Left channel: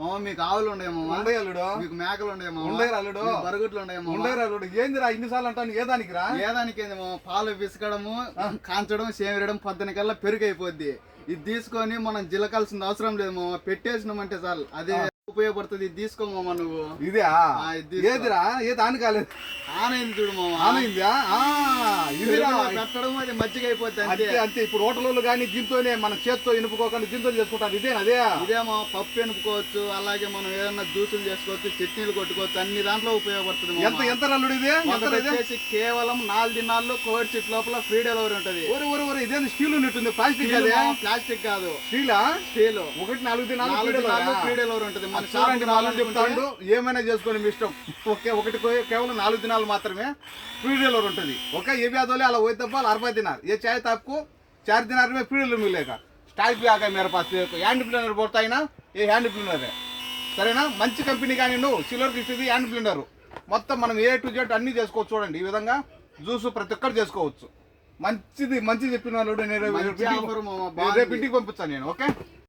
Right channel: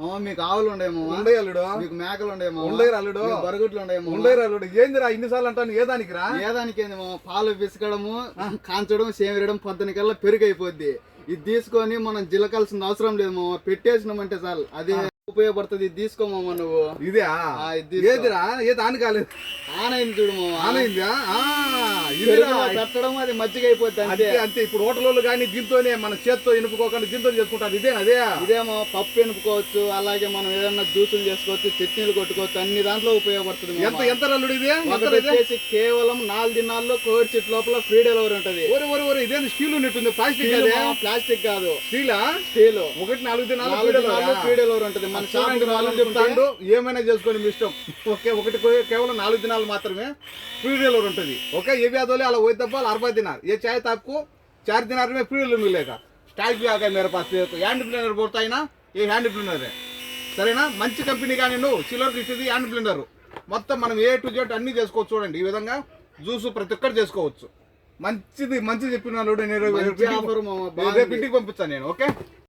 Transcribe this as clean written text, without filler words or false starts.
మామ మీకు ఆవులు ఉండేమో ఉండే అల్లుడు, మీకు మేకలు ఉండేమో ఉండే అల్లుడు, బరుగుట్లు ఉండేమో ఉండే అల్లుడు. ఏందిరా ఇన్నిసార్లు అంటాను ఏ దానికి రా? ఏదానికి ఏంది మామ, పాలు పిసకడము కాంచడం సేమిరడం పొద్దునకల్లా పెరుగు అయిపోద్ది. ఇది తీసుకొని మనం జిలకాల్సిన అవసరం లేదు మామ, పెట్టేసినామంటే చాలు అదే ఉపయోగపడుతుంది. ఇది తీసుకోమా నువ్వు. ఇదే ఇది తీసుకో. ఏదిరా ఏ దాని కాలేదు ఆనైంది చూడు మామ, ఆనైందా? ఇదిరా పెట్టడం అది మజ్జిగ అయిపోద్ది అంతే అంతే. అంతే. ఇప్పుడు హోటల్లో కానీ దీంతోనే మన చేత్తో ఎనుపుకోకుండా దీంతో చేసుకుంటారు. ఇదే అదే ఇదేమో పప్పు ఎనుపుకోవచ్చు, అలాగే మనం ఏదైనా జ్యూసులు చేసుకోవచ్చు, చట్నీలు కొట్టుకోవచ్చు, అన్ని దాంట్లో ఉపయోగపడుతుంది మామ. ఎంత ఎంత అల్లుడు ఇది? ఒకటి వచ్చేసి కేవలం 4 దినాల్లో కోడి చెట్టు లోపల ఫ్రీ డెలివరీ ఉంటది. ఒరే ఒరే ఒరే ఇదేంటి స్టీల్ ఉన్నట్టుంది? ప్లాస్టిక్ అదే? ప్లాస్టిక్ కాదు, స్టీలా? స్టీల్. ఒకటి 4 దినాలు 4 దినాల్లో ఫ్రీ డెలివరీ ఉంటది. మన షాప్ రాలని చెప్తాడు. ఏమైనా చేసుకోండి మీ ఇష్టం. ఓకే, ఒకటి కేవలం 4 దినాలు మాత్రమే ఫ్రీ డెలివరీ ఉంటుంది. ఓకే, ఏ వ్యాధులు అలా పోయి తప్ప 40 दिनार ये चाहे तो आपको 4 दिनार में फ्री मिलेगा. स्टाइल भी आ गया मेरे पास. हैंड ब्लेंडर बोलता है ना, ये हैंड ब्लेंडर है. సరేనా? మంచి కంపెనీ కానీ నువ్వు సిల్వర్ ఇస్తుంది హ్యాండ్ బ్లెండర్. మొత్తం మనం ఏ టు జెడ్ అన్ని చేసుకోవచ్చు. చూడండి ఈ విధంగా జ్యూస్ ప్రతి ఒక్కరు చేసుకోవచ్చు. మంచిది మంచి చెప్పిన ఇంటికి పంపిస్తాను నేను. ఓకే.